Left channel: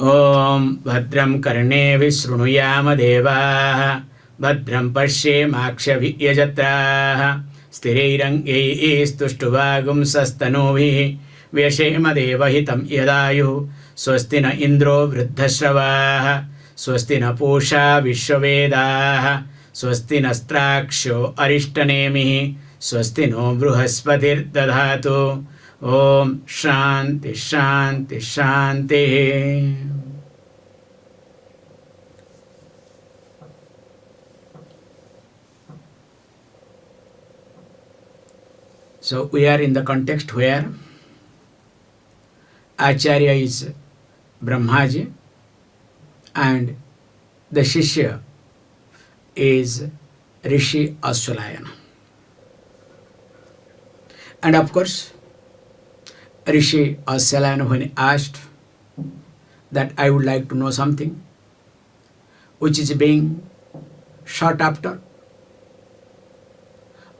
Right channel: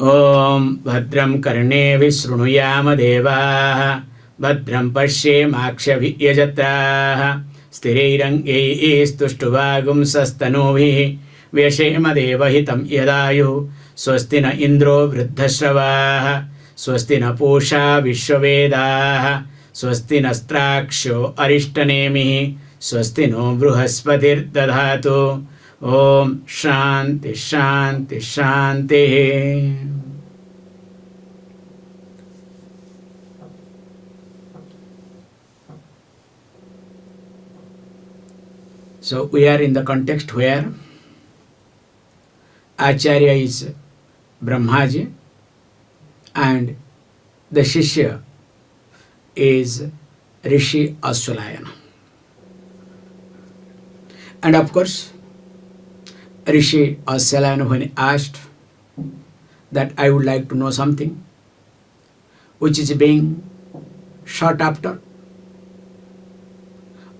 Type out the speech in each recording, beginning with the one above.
Om Bhadram Karne Vishrunuyama Devaः Bhadram Pashyemakshaviyajatraः Sthirairangyaistuštuvagum sastanuभिः Vyashema Devahitam Yadayu Swasti na Indro Vruddhashravah Swasti na Pusha Vishwavedah Swasti nastraksho Arishtanemiः Swasti no Bruhaspatir Dadhatu. Om Shanti Shanti Shanti. So we are in the context where Acharya is Brahmaji and the Shishya is Rishi Aswalayana. And of course, Rishi Aswalayana, when he asked that I would like to know something which is being sought after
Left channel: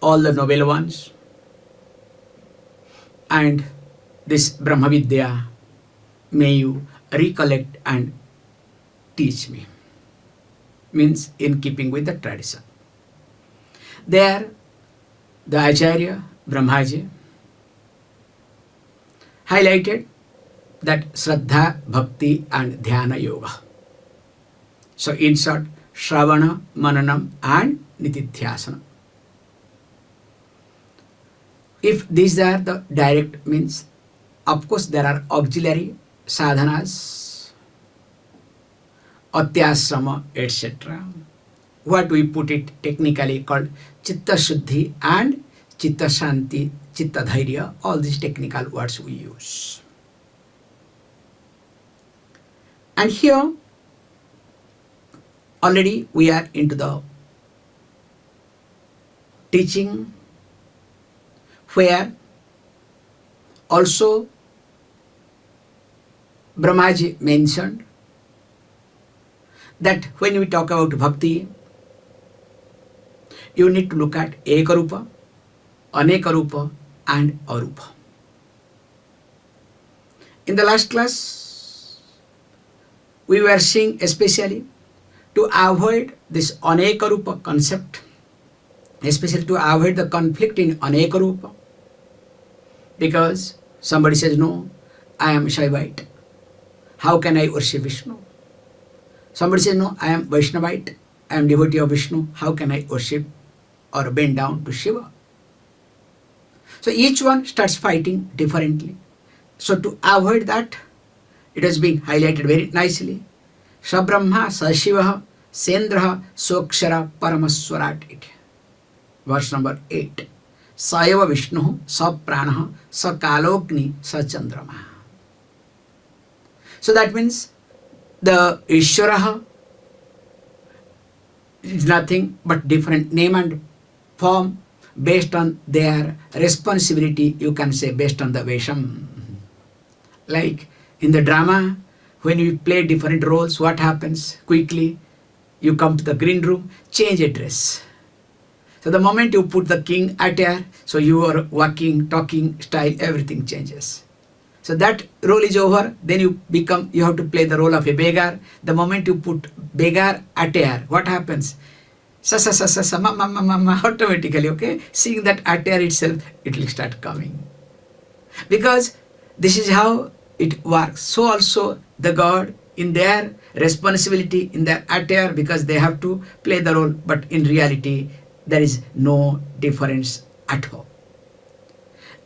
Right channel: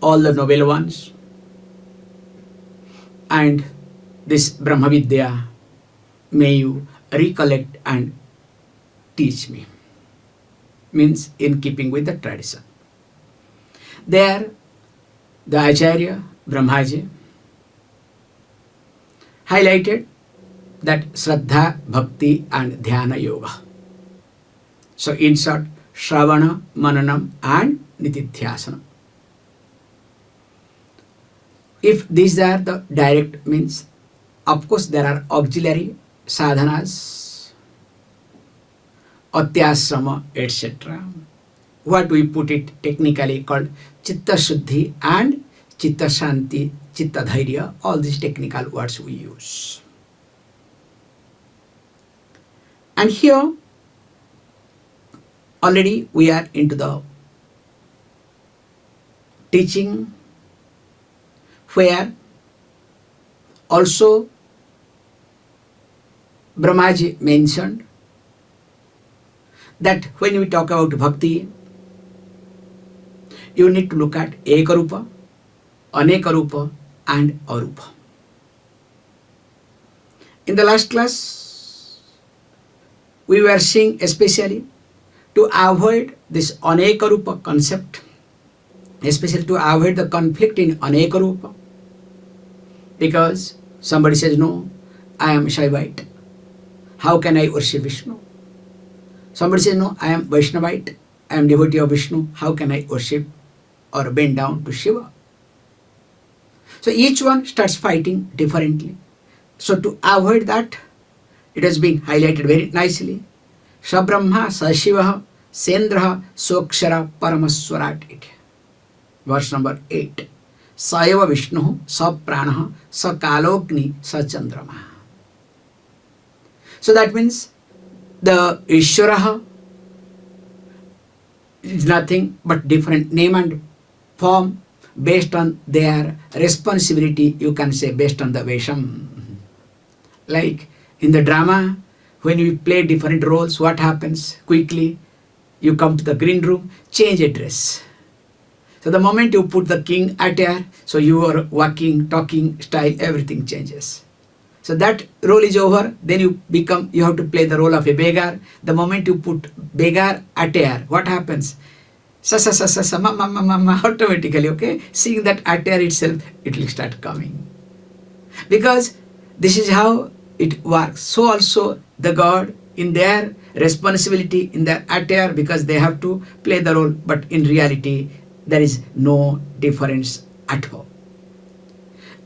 all the noble ones, and this Brahma Vidya, may you recollect and teach me. Means in keeping with the tradition. There, the Acharya, Brahmaji, highlighted that Shraddha, Bhakti and Dhyana Yoga. So in short, Shravana, Mananam and Nitidhyasana. If these are the direct means, of course there are auxiliary sadhanas, atyasrama, etc. What we put it technically called Chitta Shuddhi and Chitta Shanti, Chitta Dhairya, all these technical words we use. And here already we are into the teaching where also Brahmaji mentioned that when we talk about bhakti, you need to look at Ekarupa, Anekarupa and Arupa. In the last class, we were seeing especially to avoid this Anekarupa concept, especially to avoid the conflict in Anekarupa, because somebody says, no, I am Shaivite, how can I worship Vishnu? Somebody says, no, I am Vaishnavite, I am devotee of Vishnu, how can I worship or bend down to Shiva? So each one starts fighting differently. So to avoid that, it has been highlighted very nicely. Sabrahma, Sashivaha, Sendraha, Sokshara, Paramaswarat. Verse number 8. Sayava Vishnu, Sa Pranaha, Sa Kalogni, Sa Chandrama. So that means the Ishvaraha is nothing but different name and form based on their responsibility, you can say based on the Vesham. Like in the drama, when you play different roles, what happens? Quickly, you come to the green room, change a dress. So the moment you put the king attire, so your walking, talking style, everything changes. So that role is over, then you have to play the role of a beggar. The moment you put beggar attire, what happens? Automatically, okay? Seeing that attire itself, it will start coming. Because this is how it works. So also the God in their responsibility, in their attire, because they have to play the role, but in reality, there is no difference at all.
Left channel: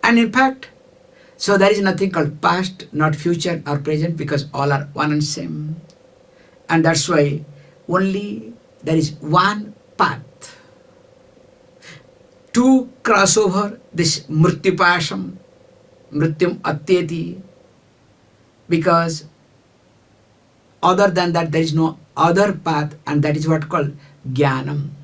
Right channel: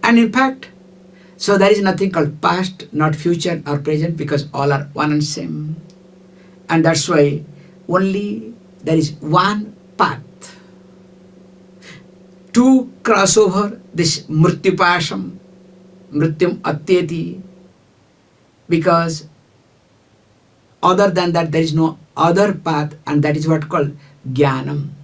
And in fact, so there is nothing called past, not future or present, because all are one and same. And that's why only there is one path to cross over this mrityupasham, mrityum atyeti, because other than that there is no other path, and that is what called jnanam.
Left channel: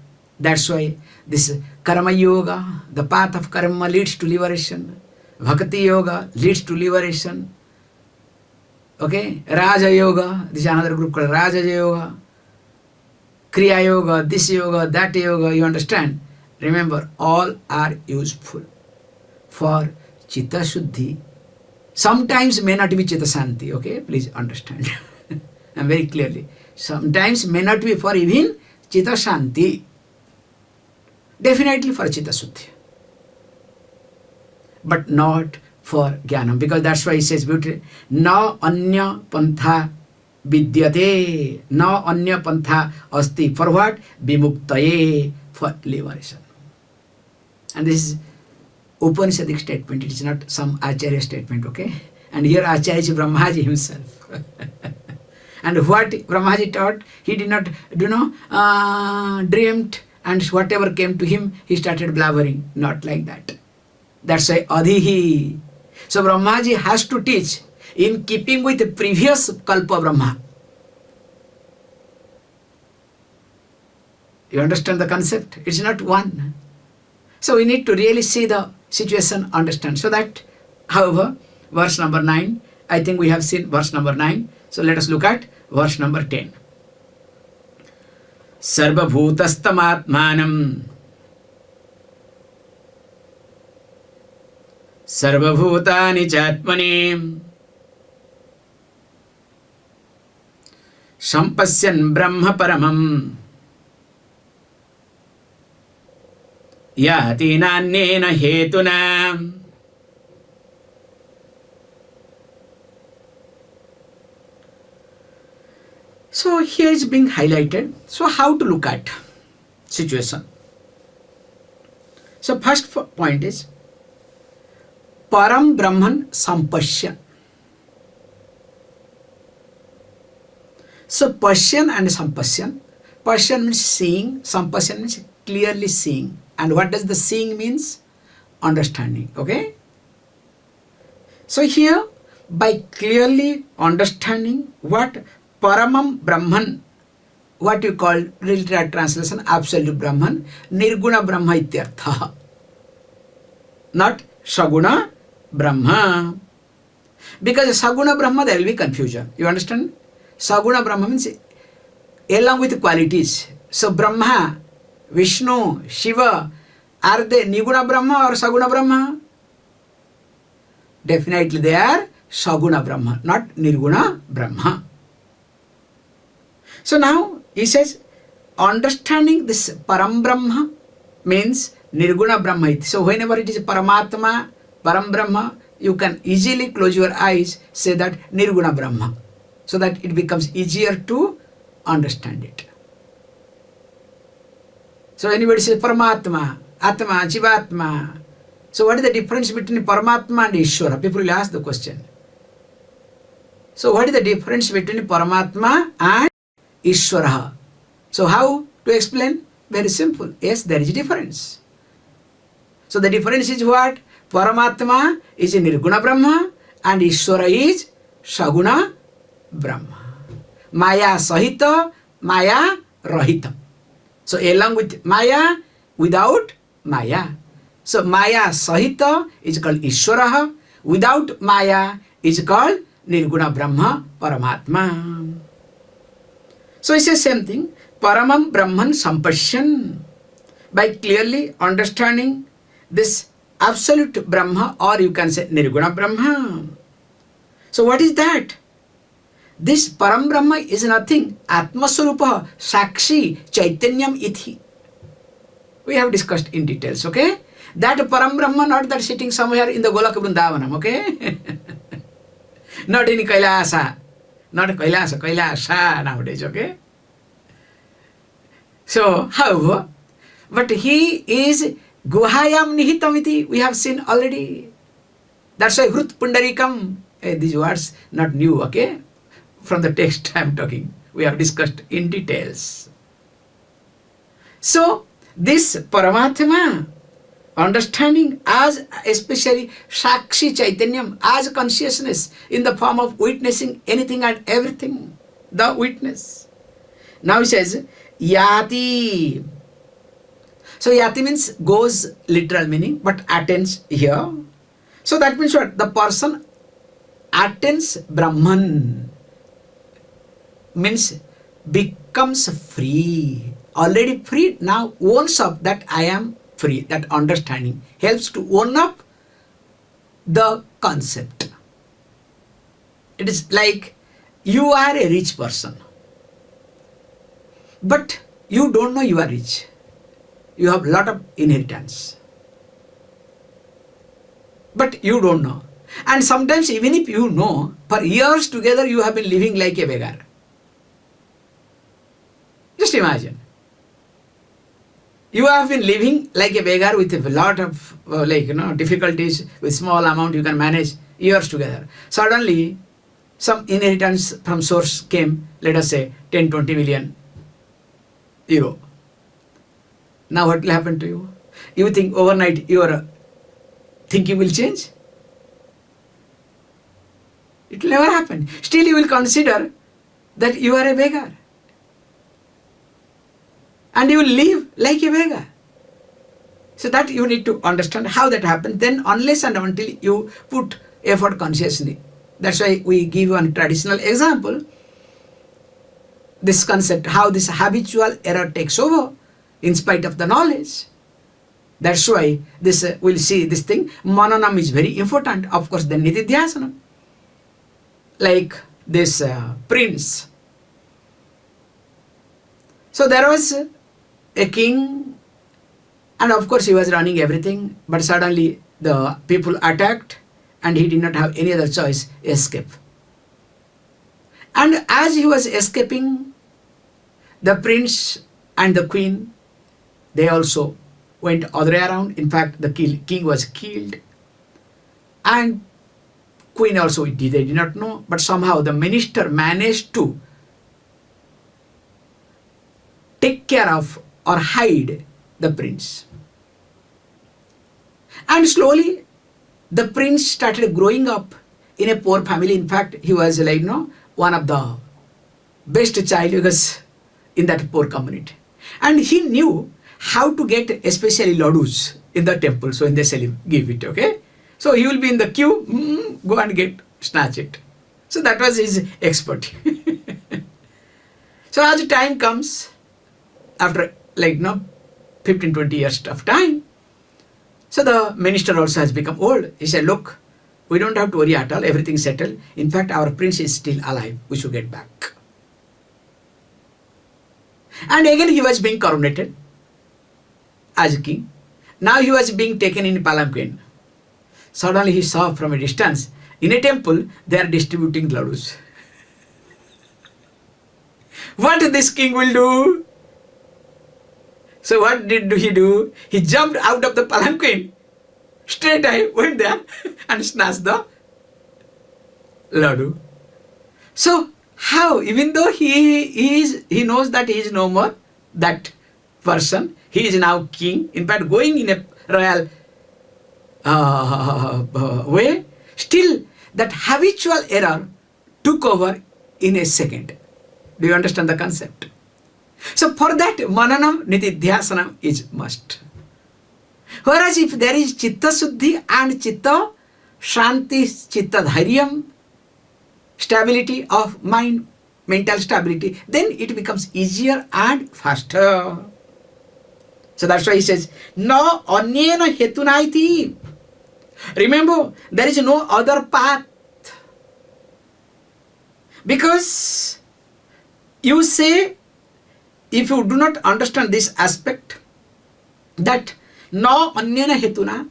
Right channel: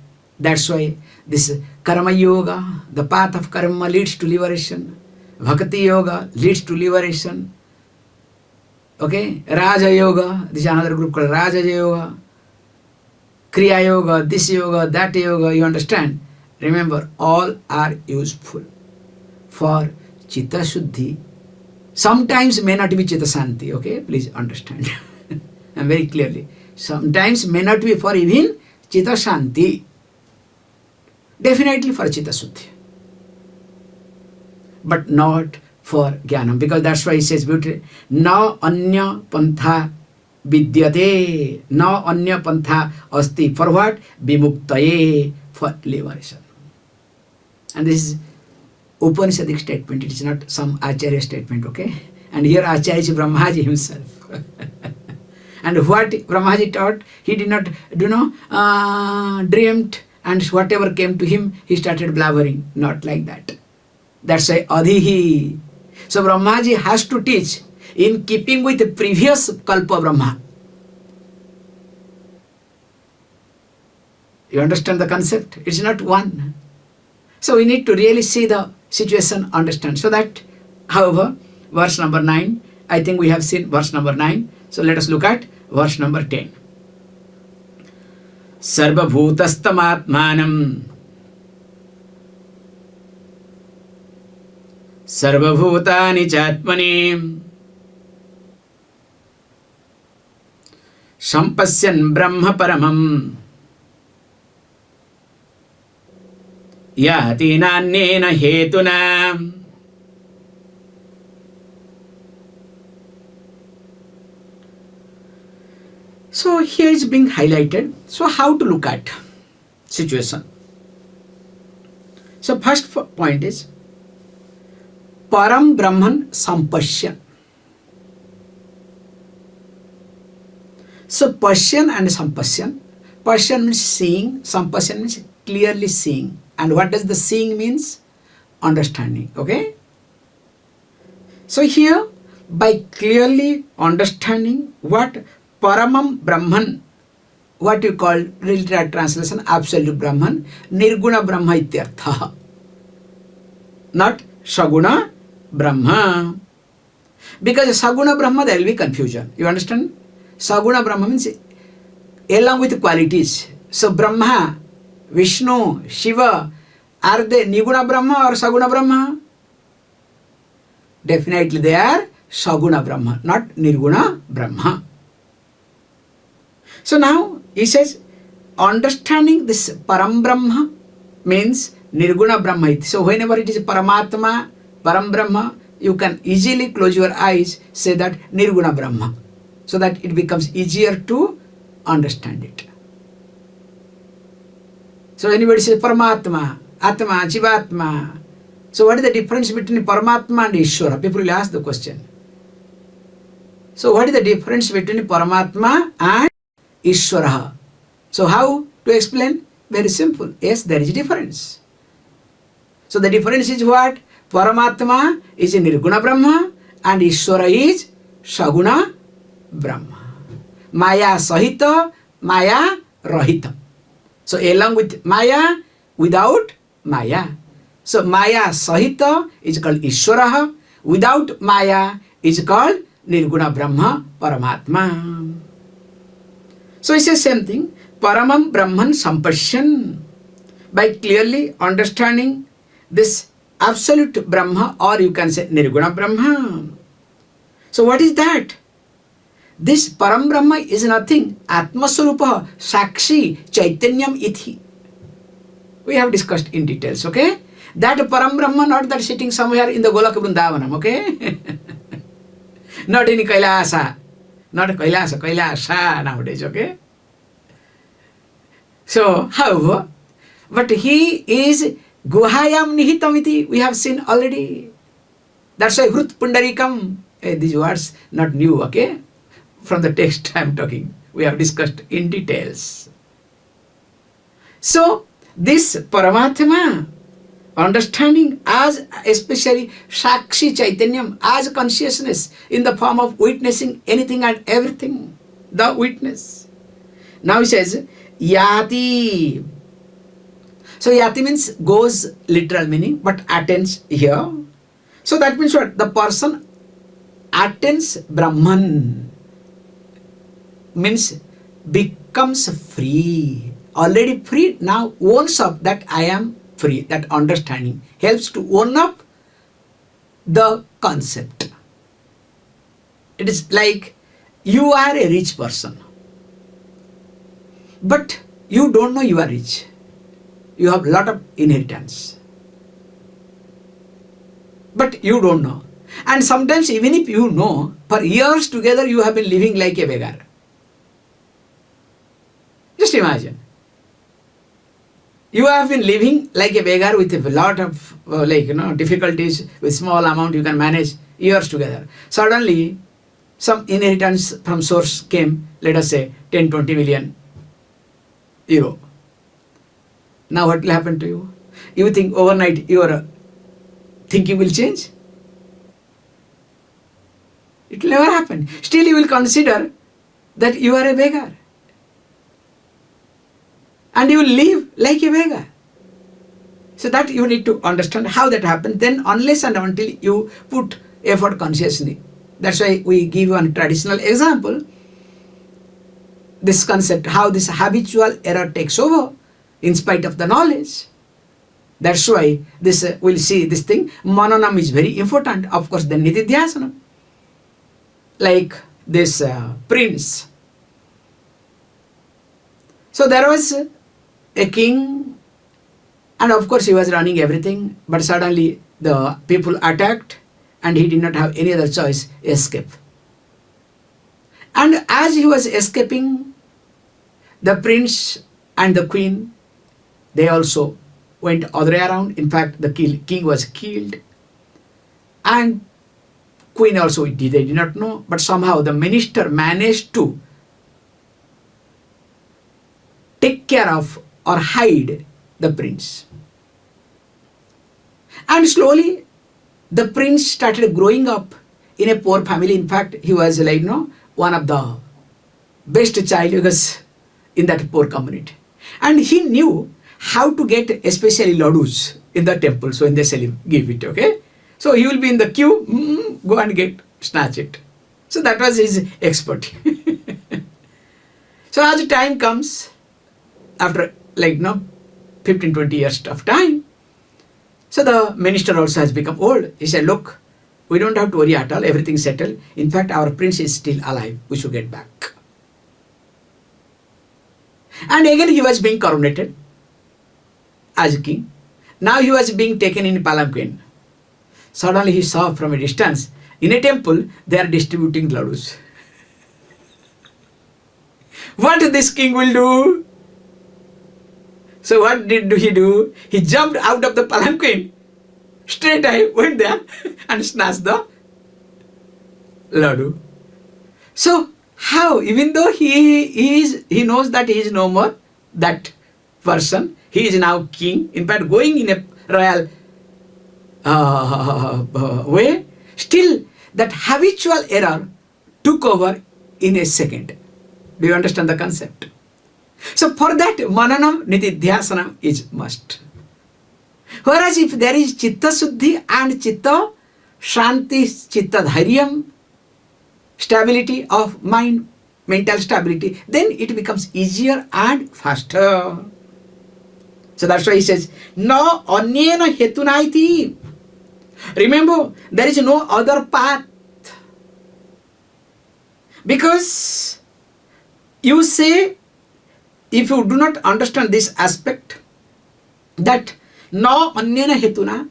That's why this karma yoga, the path of karma leads to liberation. Bhakti yoga leads to liberation. Okay, Raja yoga, this is another group called Raja yoga. Kriya yoga, this yoga, that yoga, you understand? Remember, all are useful for Chitta Shuddhi. Sometimes may not be Chitta Shanti, okay? Please understand. and very clearly. Sometimes may not be for even Chitta Shanti. Definitely for Chitta Suddhi. But not for Jnanam. Because that's why he says beautifully, na anya pantha vidyate, na anya pantha asti. For what? Vimuktaye, for liberation. And this is Upanishadic statement. It is not some Acharya statement, okay? And here Acharya is Brahmaji himself. And what Brahmaji taught, he did not, dreamt, and whatever came to him, he started blabbering. Not like that. That's why Adhihi. So Brahmaji has to teach in keeping with the previous Kalpa Brahma. You understand the concept? It's not one. So we need to really see the situation, understand. So that, however, verse number 9, I think we have seen verse number 9. So let us look at verse number 10. Sarvabhūtastham ātmānaṁ sarvabhūtāni cātmani paśyan brahma paramam yāti nānyena hetunā. So here is being highlighted. So how to look at situation? So first point is param brahman sampaśyan. So paśyan and sampaśyan. Paśyan means seeing, sampaśyan means clearly seeing. And what does the seeing means? Understanding. Okay? So here, by clearly understanding what paramam Brahman, what you call literal translation, absolute Brahman, nirguna Brahma ityartha. Not saguna Brahma. Because saguna Brahma, there will be confusion. You understand? Saguna Brahma means along with qualities. So Brahma, Vishnu, Shiva, are they niguna Brahma or saguna Brahma? Definitely they are saguna Brahma, not nirguna Brahma. So now he says, understanding this param Brahma means nirguna Brahma. So whenever it is paramatma, param Brahma, you can easily close your eyes, say that nirguna Brahma, so that it becomes easier to understand it. So anybody says Paramatma, Atma, Jivatma. So what is the difference between Paramatma and Ishvara? People will ask the question. So what is the difference between Paramatma and Ishvara? So how to explain? Very simple. Yes, there is a difference. So the difference is what? Paramatma is Nirguna Brahma and Ishvara is Saguna Brahma. Maya Sahita, Maya Rahita. So along with Maya, without Maya. So Maya Sahita is called Ishvara. Without Maya is called Nirguna Brahma, Paramatma. So it says same thing. Paramam Brahman sampaśyan. By clearly understanding this absolute Brahma, or you can say Nirguna Brahma. So what is that? This Param Brahma is nothing. Atmaswarupa Sakshi Chaitanyam Ithi. We have discussed in details, okay? That Param Brahma, not that sitting somewhere in the Golaka Vrindavanam, okay? Not in Kailasa. Not Kailasa, Kailasa nowadays, okay? So, however, but he is Guhayam Nihitamiti. We have seen already. That's why Hrut Pundarikam. These words not new, okay? From the text I am talking. We have discussed in details. So, this Paramatma, understanding as especially Sakshi Chaitanyam, as consciousness in the form of witnessing anything and everything, the witness. Now he says, Yāti. So Yāti means goes, literal meaning, but attains here. So that means what? The person attains Brahman. Means becomes free. Already free, now owns up that I am free. That understanding helps to own up the concept. It is like you are a rich person, but you don't know you are rich. You have a lot of inheritance, but you don't know. And sometimes even if you know, for years together you have been living like a beggar. Just imagine. You have been living like a beggar with a lot of difficulties, with small amount you can manage years together. Suddenly, some inheritance from source came, let us say 10-20 million euro. Now what will happen to you? You think overnight your thinking will change? It will never happen. Still you will consider that you are a beggar. And you will live like a beggar. So that you need to understand how that happens. Then unless and until you put effort consciously. That's why we give one traditional example. This concept, how this habitual error takes over in spite of the knowledge. That's why this we'll see this thing. Mananam is very important. Of course, the nitidhyasana. Like this prince. So there was a king, and of course he was running everything, but suddenly the people attacked and he did not have any other choice, escape. And as he was escaping, the prince and the queen, they also went other way around. In fact, the king was killed, and queen also they did not know, but somehow the minister managed to take care of or hide the prince. And slowly the prince started growing up in a poor family. In fact, he was one of the best child because in that poor community. And he knew how to get especially ladus in the temple. So when they give it, okay? So he will be in the queue, go and snatch it. So that was his expert. So as time comes, after 15-20 years of time, so the minister also has become old. He said, look, we don't have to worry at all, everything is settled. In fact, our prince is still alive, we should get back. And again he was being coronated as king. Now he was being taken in palanquin. Suddenly he saw from a distance, in a temple, they are distributing ladus. What this king will do? So what did he do? He jumped out of the palanquin. Straight away went there and snatched the ladu. So how? Even though he knows that he is no more that person, he is now king. In fact, going in a royal way, still that habitual error took over in a second. Do you understand the concept? So for that, mananam nitidhyasana is must. Whereas if there is chitta suddhi and chitta shanti, chitta dhairyam, stability of mind, mental stability, then it becomes easier and faster. So that's why he says, no nānyena hetunā. Remember, there is no other path. Because you say, if you do not understand this aspect, that no nānyena hetunā,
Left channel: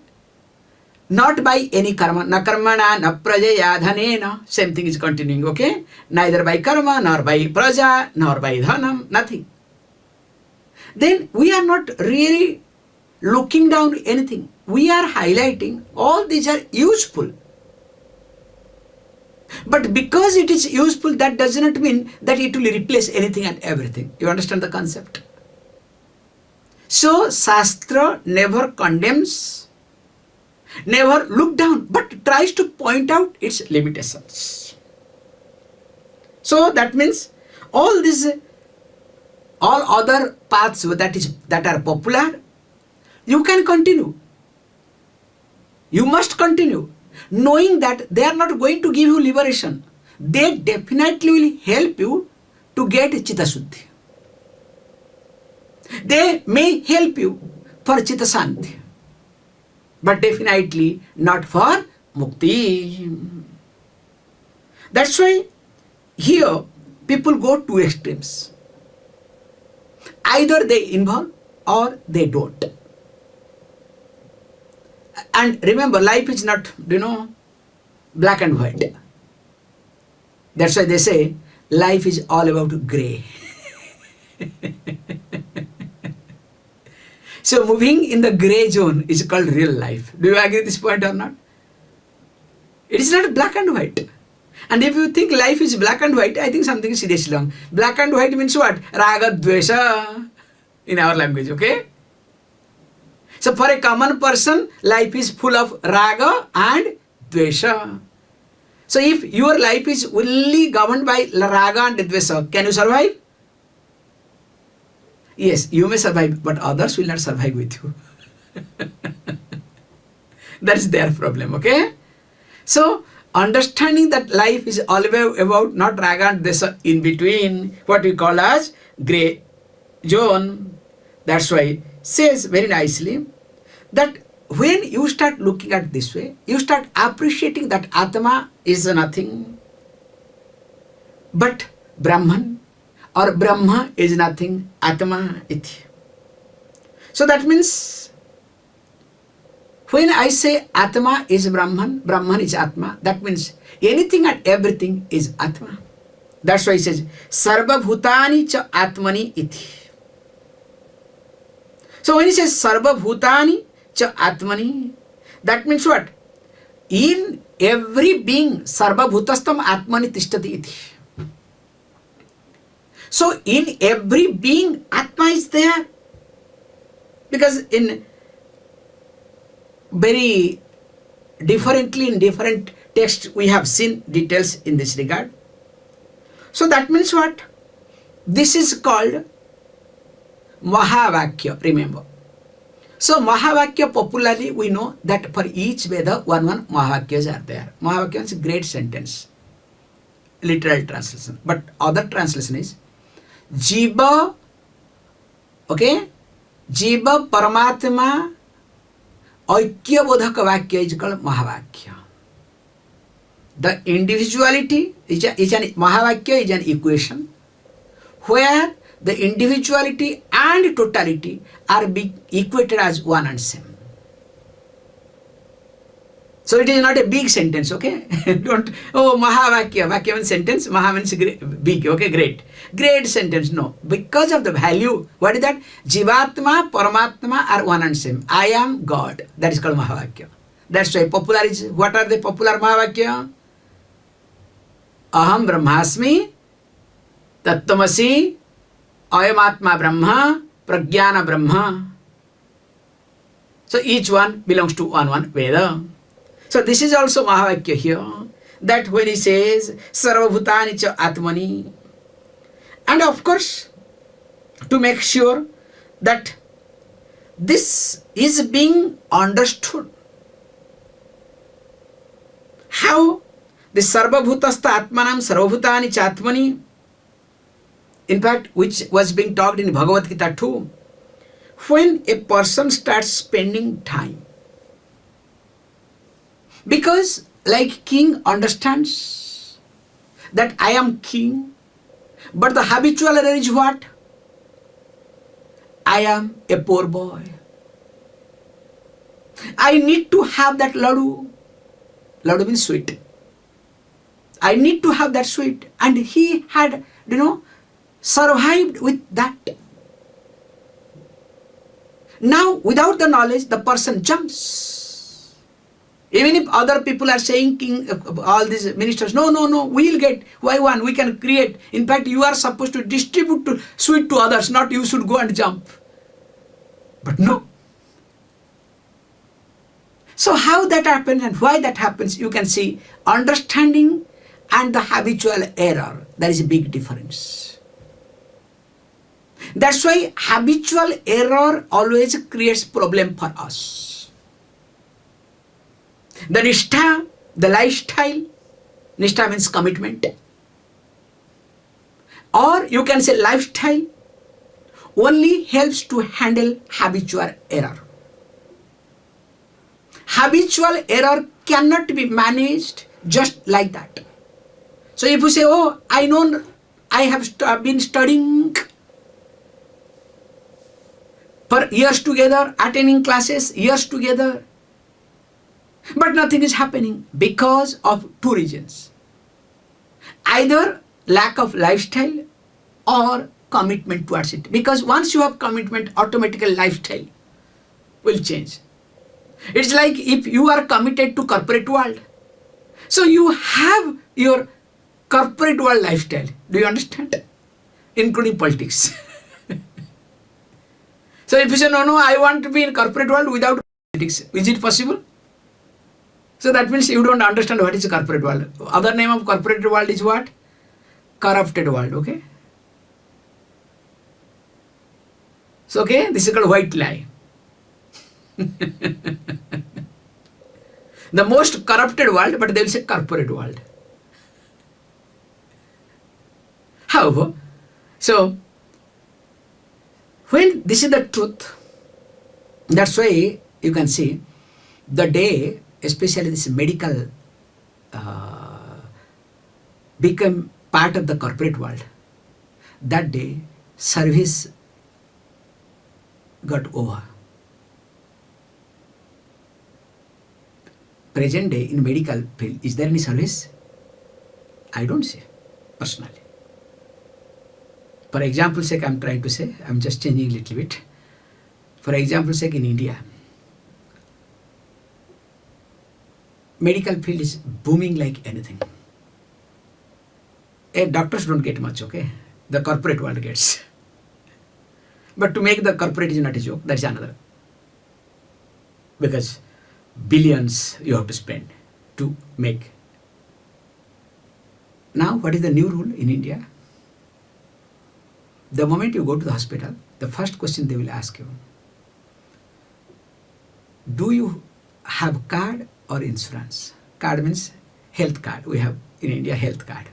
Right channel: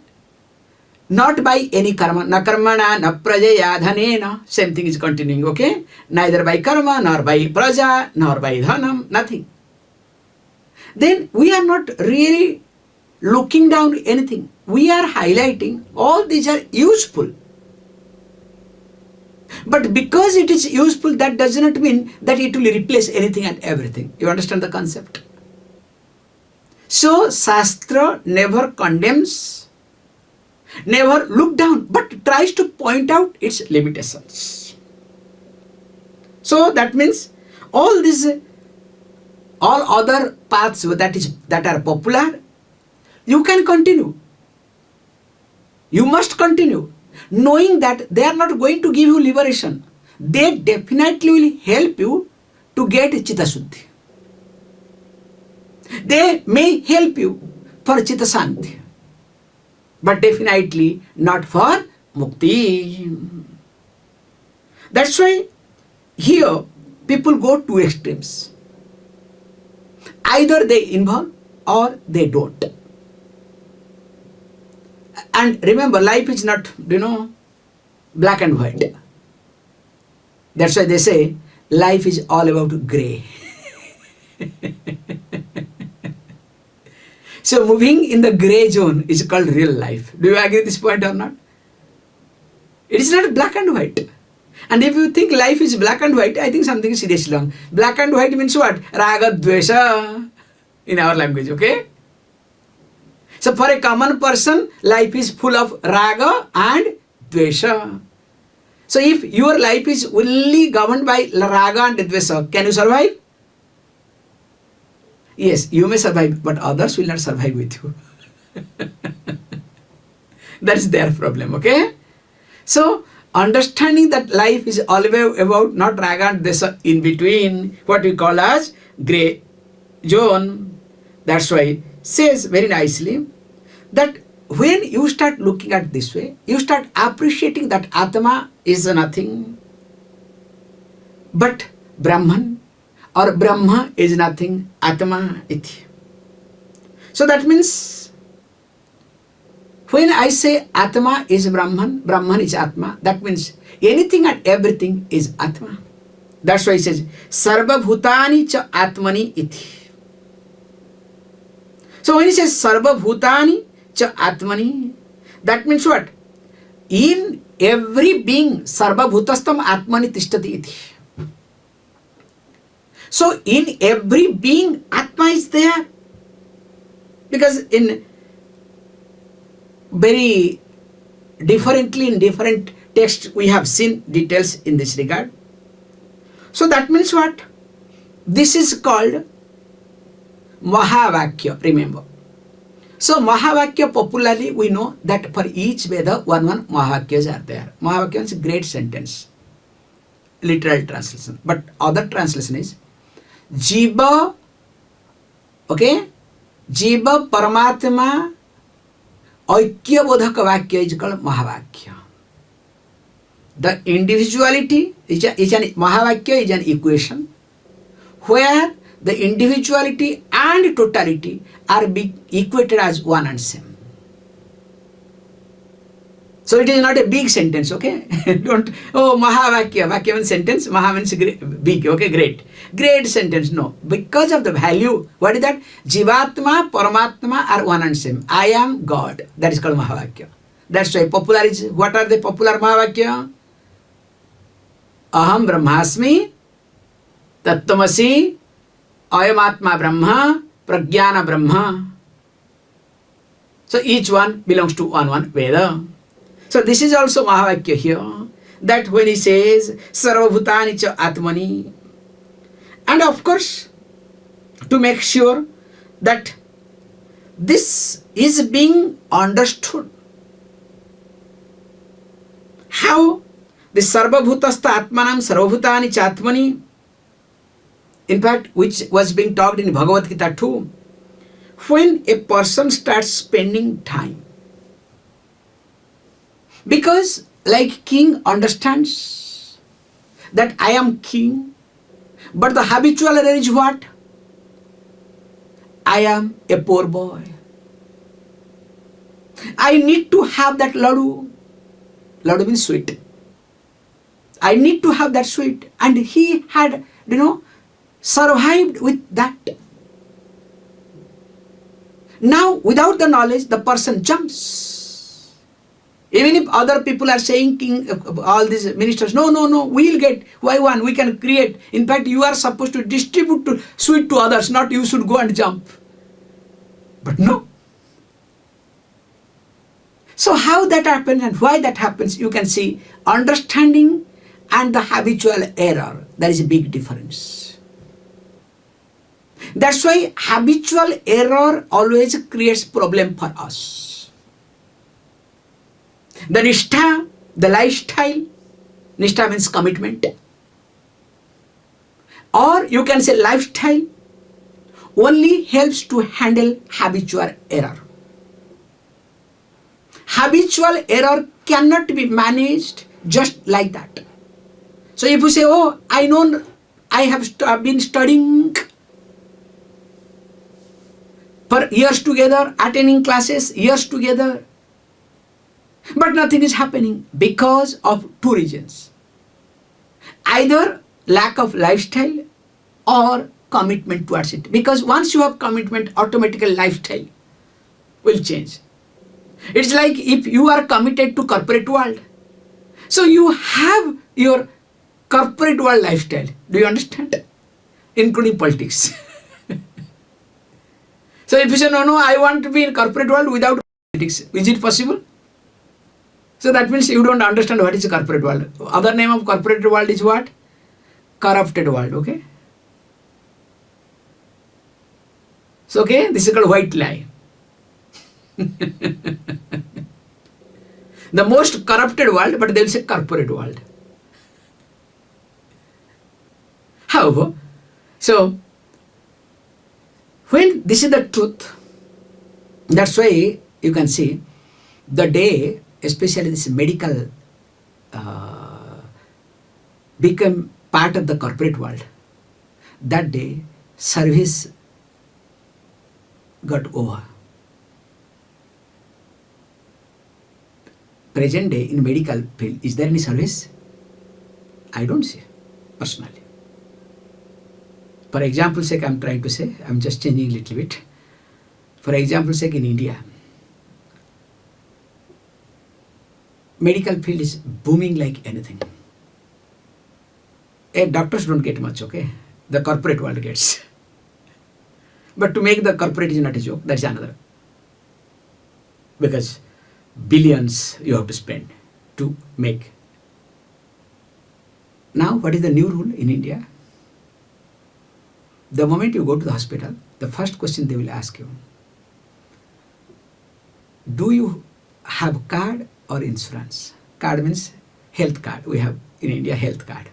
not by any karma, na karmana, na prajaya, dhanena, same thing is continuing, okay? Neither by karma, nor by praja, nor by dhanam, nothing. Then we are not really looking down anything. We are highlighting all these are useful. But because it is useful, that does not mean that it will replace anything and everything. You understand the concept? So, Shastra never condemns, never look down, but tries to point out its limitations. So, that means all other paths that are popular, you can continue. You must continue, knowing that they are not going to give you liberation. They definitely will help you to get Chitta Suddhi. They may help you for Chitta Shanti, but definitely not for Mukti. That's why here people go to extremes. Either they involve or they don't. And remember, life is not, black and white. That's why they say life is all about gray. So moving in the gray zone is called real life. Do you agree with this point or not? It is not black and white. And if you think life is black and white, I think something is seriously wrong. Black and white means what? Raga, dvesha in our language, okay? So for a common person, life is full of raga and dvesha. So if your life is only governed by raga and dvesha, can you survive? Yes, you may survive, but others will not survive with you. That's their problem, okay? So, understanding that life is always about not raga and dvesha in between, what we call as grey zone. That's why says very nicely that when you start looking at this way, you start appreciating that Atma is nothing but Brahman, or Brahma is nothing, Atma iti. So that means when I say Atma is Brahman, Brahman is Atma, that means anything and everything is Atma. That's why it says Sarvabhūtāni ca ātmani iti. So when he says Sarvabhūtāni ca ātmani, that means what? In every being, Sarvabhūtastham ātmani tishtati iti. So in every being, Atma is there. Because in very differently in different texts we have seen details in this regard. So that means what? This is called Mahavakya, remember. So Mahavakya, popularly we know that for each Veda one Mahavakyas are there. Mahavakya is a great sentence, literal translation. But other translation is Jiva, okay? Jiva Paramatma Aikya Bodhaka Vakya is called Mahavakya. The individuality is an Mahavakya is an equation where the individuality and totality are being equated as one and same. So it is not a big sentence, okay? Don't, Mahavakya, Vakya means sentence, Maha means big, okay, great. Great sentence, no. Because of the value, what is that? Jivatma, Paramatma are one and same. I am God. That is called Mahavakya. That's why popular is, what are the popular Mahavakya? Aham Brahmasmi, Tattvamasi, Ayamatma Brahma, Pragyana Brahma. So each one belongs to one Veda. So this is also Mahavakya here, that when he says Sarvabhūtāni ca ātmani, and of course to make sure that this is being understood, how the Sarvabhūtastham ātmānaṁ sarvabhūtāni ca ātmani, in fact which was being talked in Bhagavad Gītā too, when a person starts spending time, because like king understands that I am king, but the habitual error is what? I am a poor boy. I need to have that laddu. Laddu means sweet. I need to have that sweet. And he had, survived with that. Now, without the knowledge, the person jumps. Even if other people are saying, king, all these ministers, no, we'll get, why one? We can create. In fact, you are supposed to distribute sweet to others, not you should go and jump. But no. So how that happens and why that happens, you can see understanding and the habitual error. There is a big difference. That's why habitual error always creates problem for us. The nishtha, the lifestyle, nishtha means commitment, or you can say lifestyle, only helps to handle habitual error. Habitual error cannot be managed just like that. So if you say, oh, I know, I have been studying for years together, attending classes, years together, but nothing is happening because of two reasons. Either lack of lifestyle or commitment towards it. Because once you have commitment, automatically lifestyle will change. It's like if you are committed to corporate world. So you have your corporate world lifestyle. Do you understand? Including politics. So if you say, no, I want to be in corporate world without politics, is it possible? So that means you don't understand what is a corporate world. Other name of corporate world is what? Corrupted world, okay? So, okay, this is called white lie. The most corrupted world, but they will say corporate world. However, so when this is the truth, that's why you can see the day, especially this medical become part of the corporate world. That day, service got over. Present day in medical field, is there any service? I don't see, personally. For example sake, I'm trying to say, I'm just changing a little bit. For example sake, in India, medical field is booming like anything. Doctors don't get much, okay? The corporate world gets. But to make the corporate is not a joke, that's another. Because billions you have to spend to make. Now, what is the new rule in India? The moment you go to the hospital, the first question they will ask you, do you have card or insurance? Card means health card. We have in India health card.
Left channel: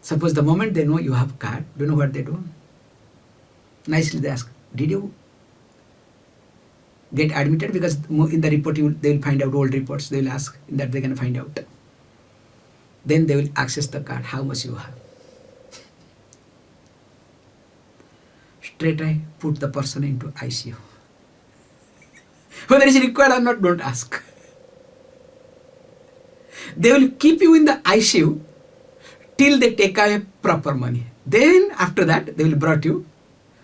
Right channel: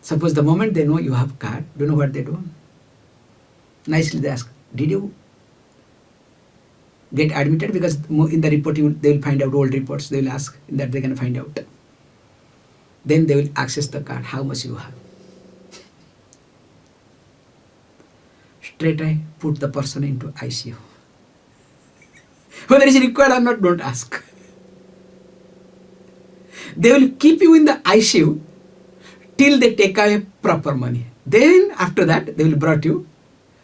Suppose the moment they know you have card, do you know what they do? Nicely they ask, did you get admitted? Because in the report they will find out old reports. They will ask, in that they can find out. Then they will access the card, how much you have. Straight away put the person into ICU. Whether it is required or not, don't ask. They will keep you in the ICU till they take away proper money. Then after that, they will brought you.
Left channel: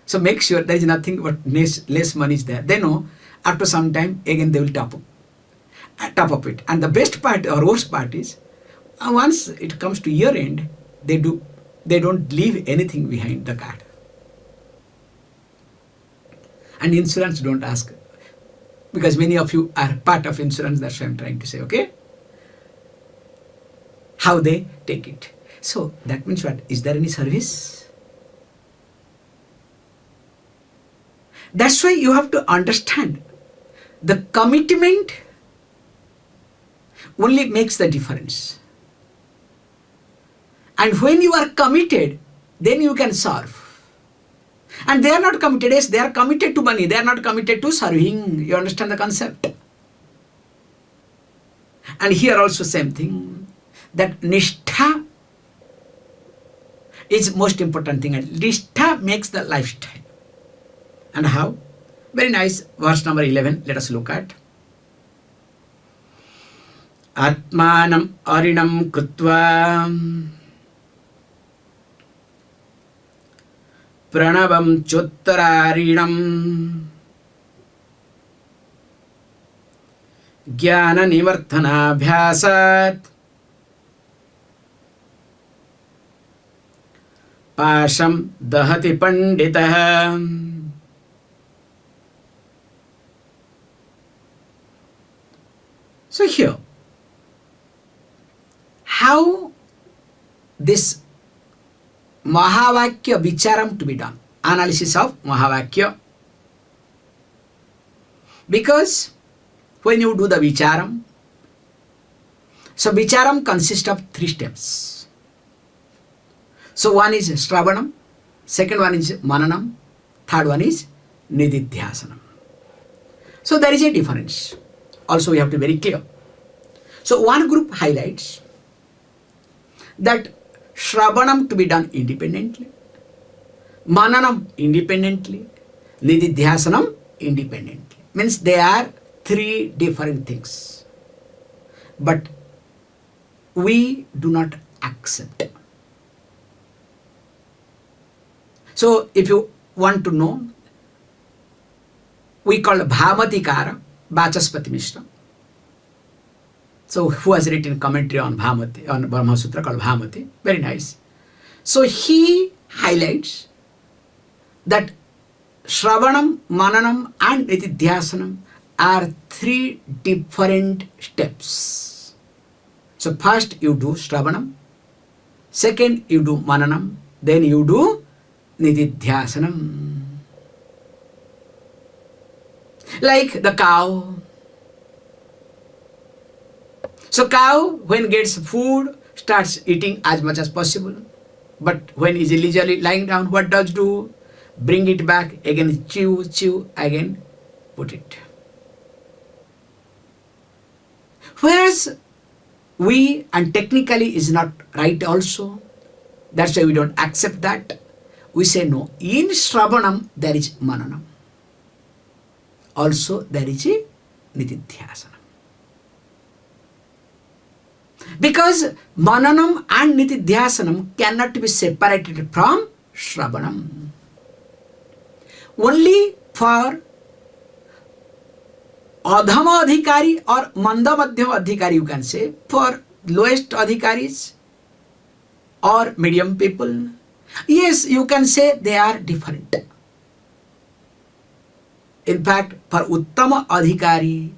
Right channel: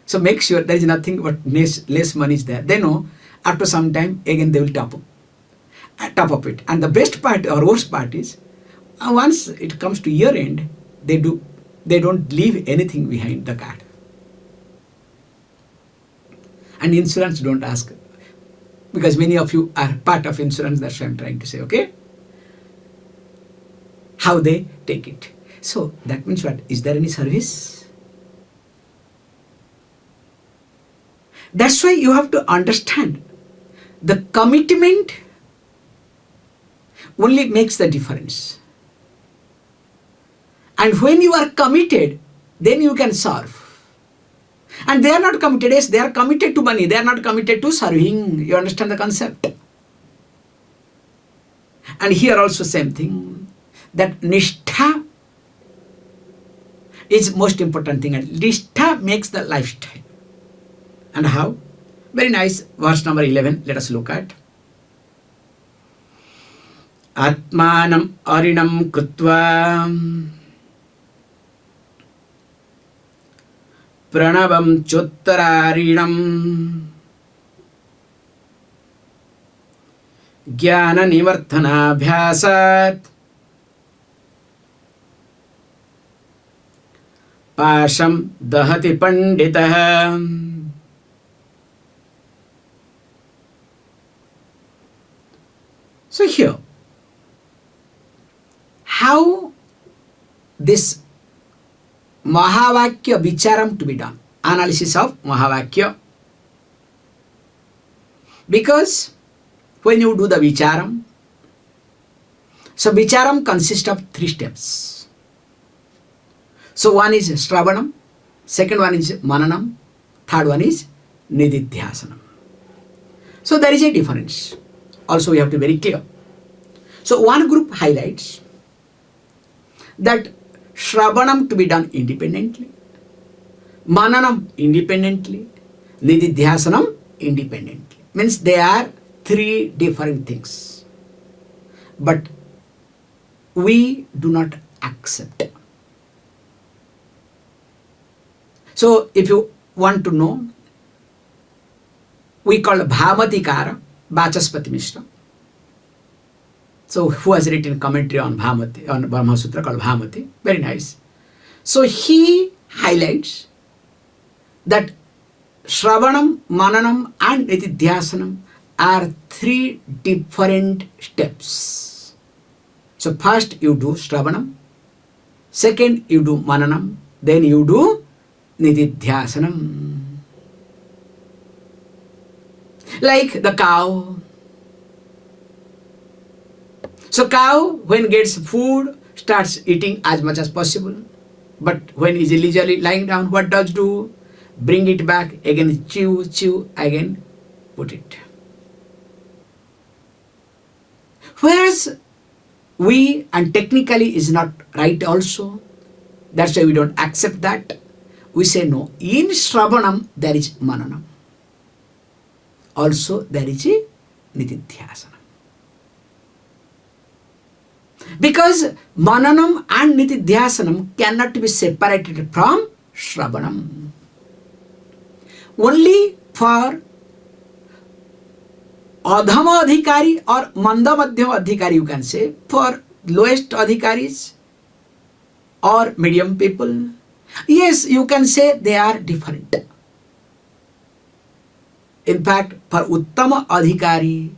So make sure there is nothing but less money is there. They know after some time, again they will top up it. And the best part or worst part is, once it comes to year end, they don't leave anything behind the card. And insurance don't ask, because many of you are part of insurance. That's what I'm trying to say, okay? How they take it. So that means what? Is there any service? That's why you have to understand the commitment only makes the difference. And when you are committed, then you can serve. And they are not committed. Yes, they are committed to money. They are not committed to serving. You understand the concept? And here also same thing. That nishtha is most important thing. And nishtha makes the lifestyle. And how? Very nice. Verse number 11. Let us look at. ātmānaṁ arinam krutva रणवम चोत्तरारिणम ज्ञान निवर्धनाभ्यासात् पाशं दहति पंडितः. So here, how this Mahavakya Vicharam to be done. Analysis of Mahavakya. Because when you do the Vicharam, so Vicharam consists of 3 steps. So one is Shravanam, second one is Mananam, third one is Nididhyasanam. So there is a difference. Also we have to be very clear. So one group highlights that Shravanam to be done independently, Mananam independently, Nididhyasanam independently. Means they are three different things. But we do not accept. So if you want to know, we call Bhamatikara Vachaspati Mishra. So who has written commentary on Bhamati, on Brahma Sutra called Bhamati? Very nice. So he highlights that Shravanam, Mananam and Nididhyasanam are three different steps. So first you do Shravanam, second you do Mananam, then you do Nididhyasanam. Like the cow. So cow, when gets food, starts eating as much as possible. But when is leisurely lying down, what does do? Bring it back, again chew, chew, again put it. Whereas we, and technically is not right also, that's why we don't accept that. We say no, in Shravanam there is Mananam. Also there is a Nididhyasanam. Because Mananam and Nididhyasanam cannot be separated from Shravanam. Only for Adhama Adhikari or Manda Madhyama Adhikari, you can say, for lowest Adhikaris or medium people, yes, you can say they are different. In fact, for Uttama Adhikari,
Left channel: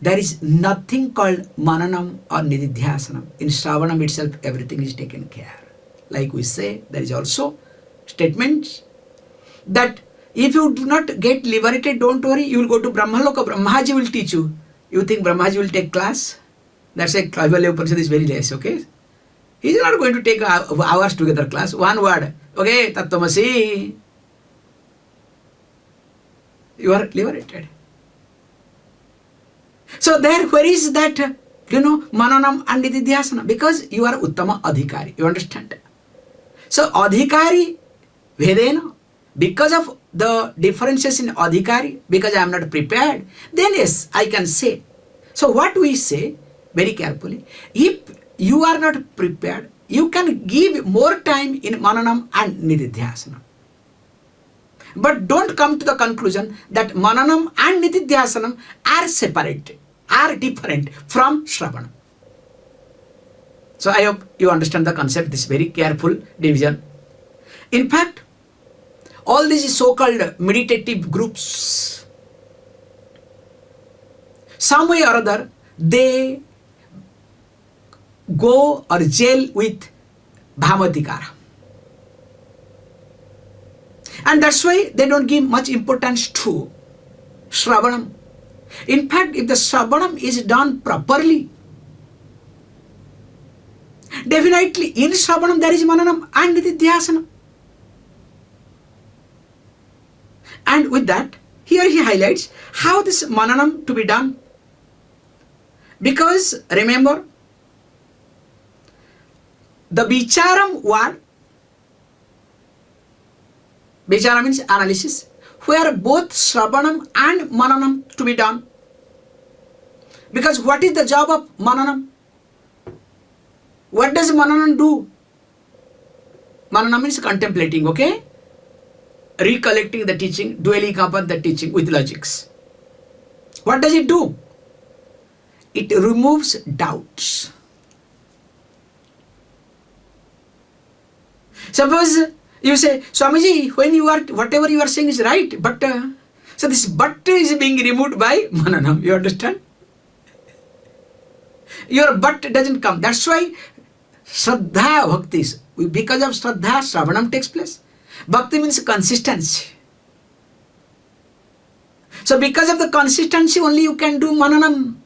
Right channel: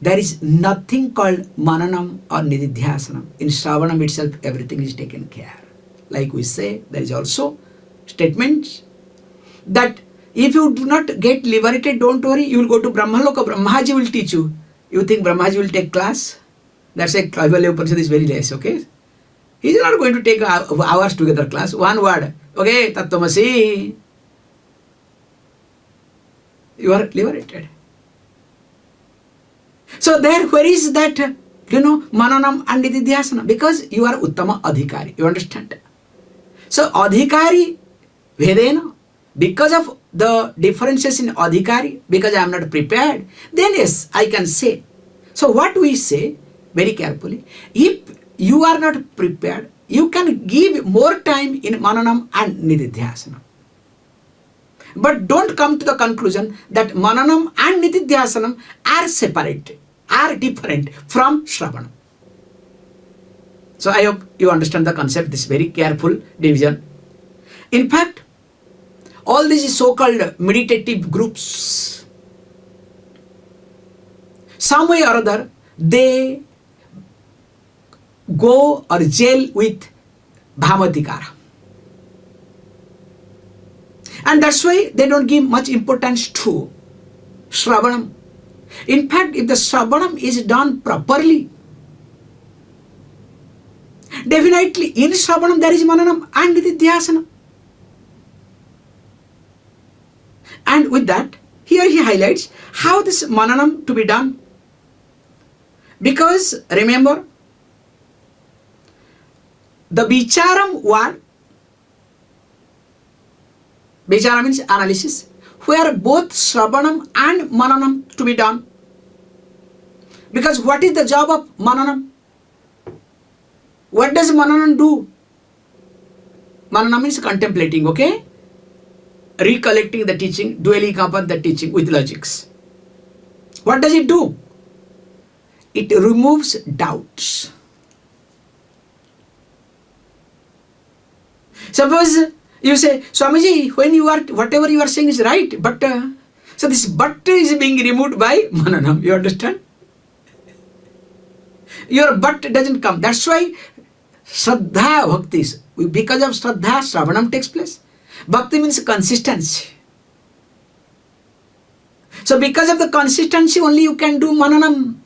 there is nothing called Mananam or Nididhyasanam. In Shravanam itself, everything is taken care. Like we say, there is also statements that if you do not get liberated, don't worry, you will go to Brahmaloka. Brahmaji will teach you. You think Brahmaji will take class? That's why Īśāvāsya Upaniṣad is very less, okay? He is not going to take hours together class. One word, okay, Tattvamasi. You are liberated. So there, where is that, Mananam and Nididhyasanam? Because you are Uttama Adhikari, you understand? So Adhikari, Vedena, because of the differences in Adhikari, because I am not prepared, then yes, I can say. So what we say, very carefully, if you are not prepared, you can give more time in Mananam and Nididhyasanam. But don't come to the conclusion that Mananam and Nididhyasanam are separated, are different from Shravanam. So I hope you understand the concept, this very careful division. In fact, all these so-called meditative groups, some way or other, they go or jail with Bhamatikara. And that's why they don't give much importance to Shravanam. In fact, if the Shravanam is done properly, definitely in Shravanam there is Mananam and Nididhyasanam. And with that, here he highlights how this Mananam to be done. Because remember, the Vicharam word, Vichara means analysis, where both Shravanam and Mananam to be done. Because what is the job of Mananam? What does Mananam do? Mananam means contemplating, okay? Recollecting the teaching, dwelling upon the teaching with logics. What does it do? It removes doubts. Suppose you say, Swamiji, when you are, whatever you are saying is right, but, so this but is being removed by Mananam, you understand? Your but doesn't come. That's why Shraddha Bhakti is, because of Shraddha, Shravanam takes place. Bhakti means consistency. So because of the consistency, only you can do Mananam,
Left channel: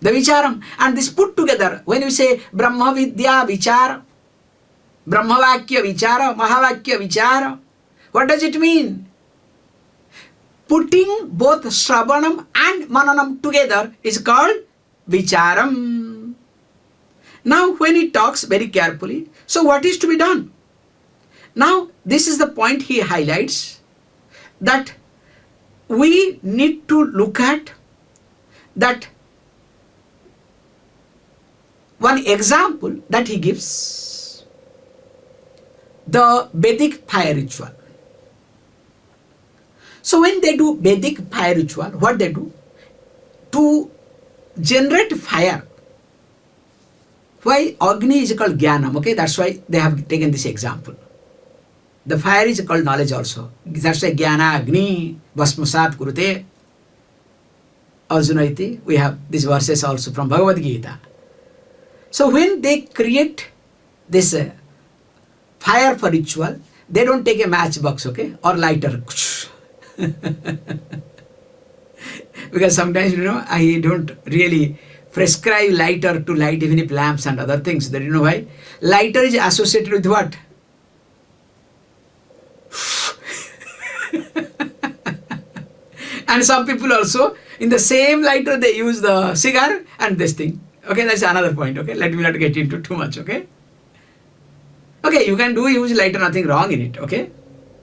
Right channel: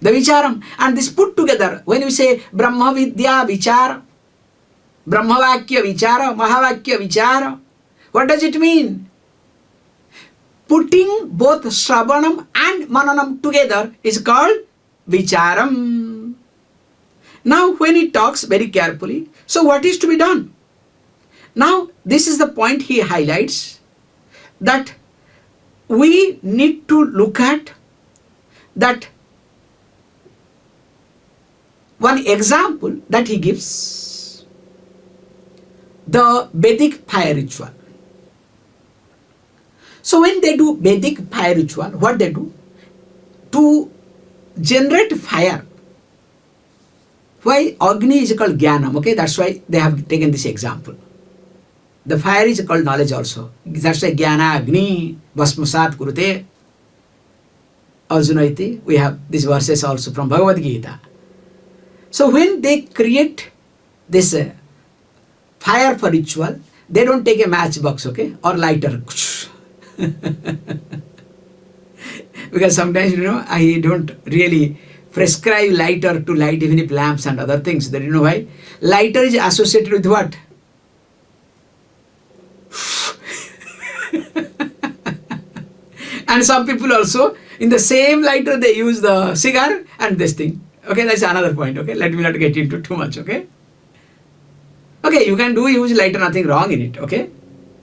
the Vicharam. And this put together, when you say Brahma Vidya Vichara, Brahmavakya Vichara, Mahavakya Vichara, what does it mean? Putting both Shravanam and Mananam together is called vicharam. Now when he talks very carefully, so what is to be done? Now this is the point he highlights, that we need to look at that one example that he gives, the Vedic fire ritual. So when they do Vedic fire ritual, what they do? To generate fire. Why Agni is called Jnanam, okay? That's why they have taken this example. The fire is called knowledge also. That's why Jnana Agni Bhasmasat Kurute Arjunaiti. We have these verses also from Bhagavad Gītā. So when they create this fire for ritual, they don't take a matchbox, okay, or lighter. Because sometimes, I don't really prescribe lighter to light even if lamps and other things. That you know why? Lighter is associated with what? And some people also, in the same lighter, they use the cigar and this thing. Okay, that's another point. Okay, let me not get into too much. Okay. Okay, you can use lighter, nothing wrong in it. Okay,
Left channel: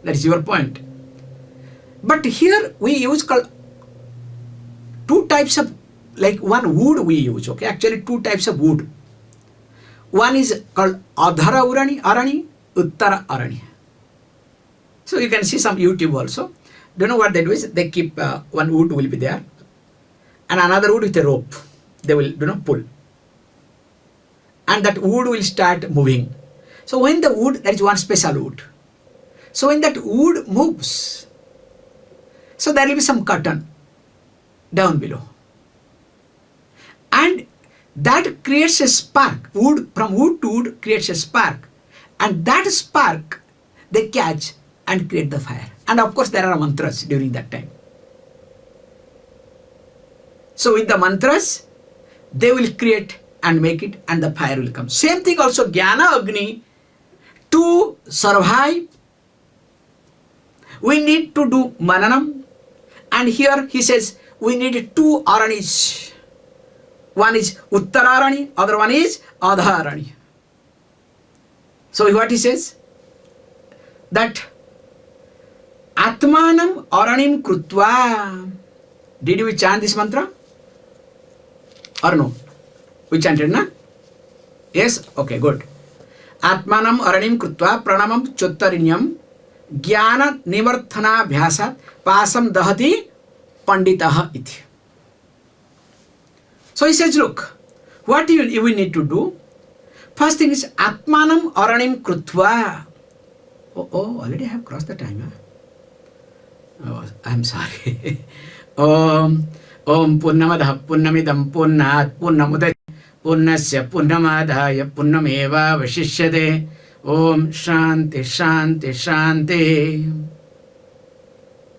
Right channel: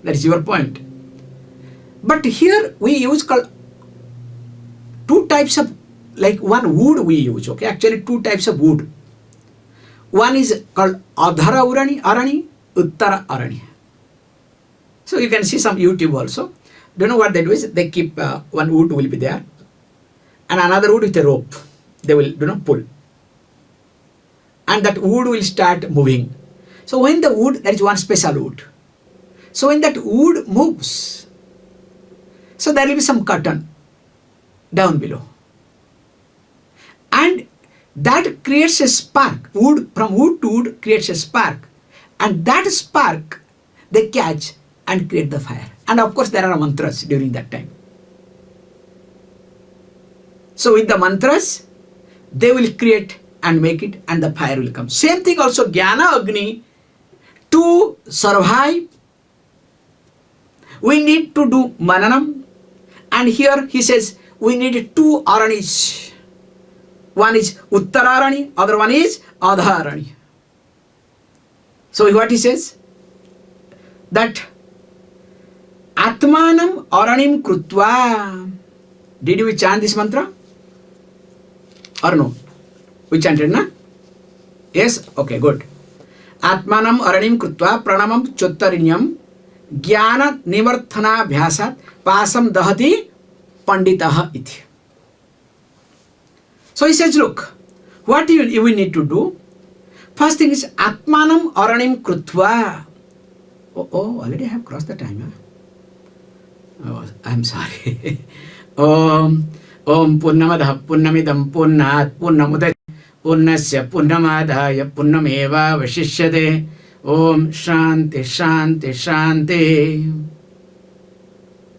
that is your point. But here we use called two types of, like one wood we use. Okay, actually two types of wood. One is called Adhara Arani, Uttara Arani. So you can see some YouTube also. Do you know what they do is they keep one wood will be there and another wood with a rope. They will pull. And that wood will start moving. So when the wood, there is one special wood. So when that wood moves, so there will be some cotton down below. And that creates a spark. Wood, from wood to wood creates a spark. And that spark they catch and create the fire. And of course there are mantras during that time. So with the mantras, they will create and make it and the fire will come. Same thing also Jnana Agni. To survive, we need to do mananam. And here he says we need two aranis. One is Uttararani, other one is Adharani. So what he says? That ātmānaṁ aranim krutva. Did we chant this mantra? Or no? We chanted, na? Yes? Okay, good. ātmānaṁ aranim krutva pranamam chottarinyam jnana nivarthana bhyasat pasam dahati panditaha iti. So he says, look, what you need to do? First thing is ātmānaṁ aranim krutva. Oh, already I have crossed the time. Huh? Oh, I'm sorry. Om Purnamadah Purnamidam Purnat Purnamudachyate Purnasya Purnamadaya Purnameva Vashishyate. Om Shanti Shanti Shanti.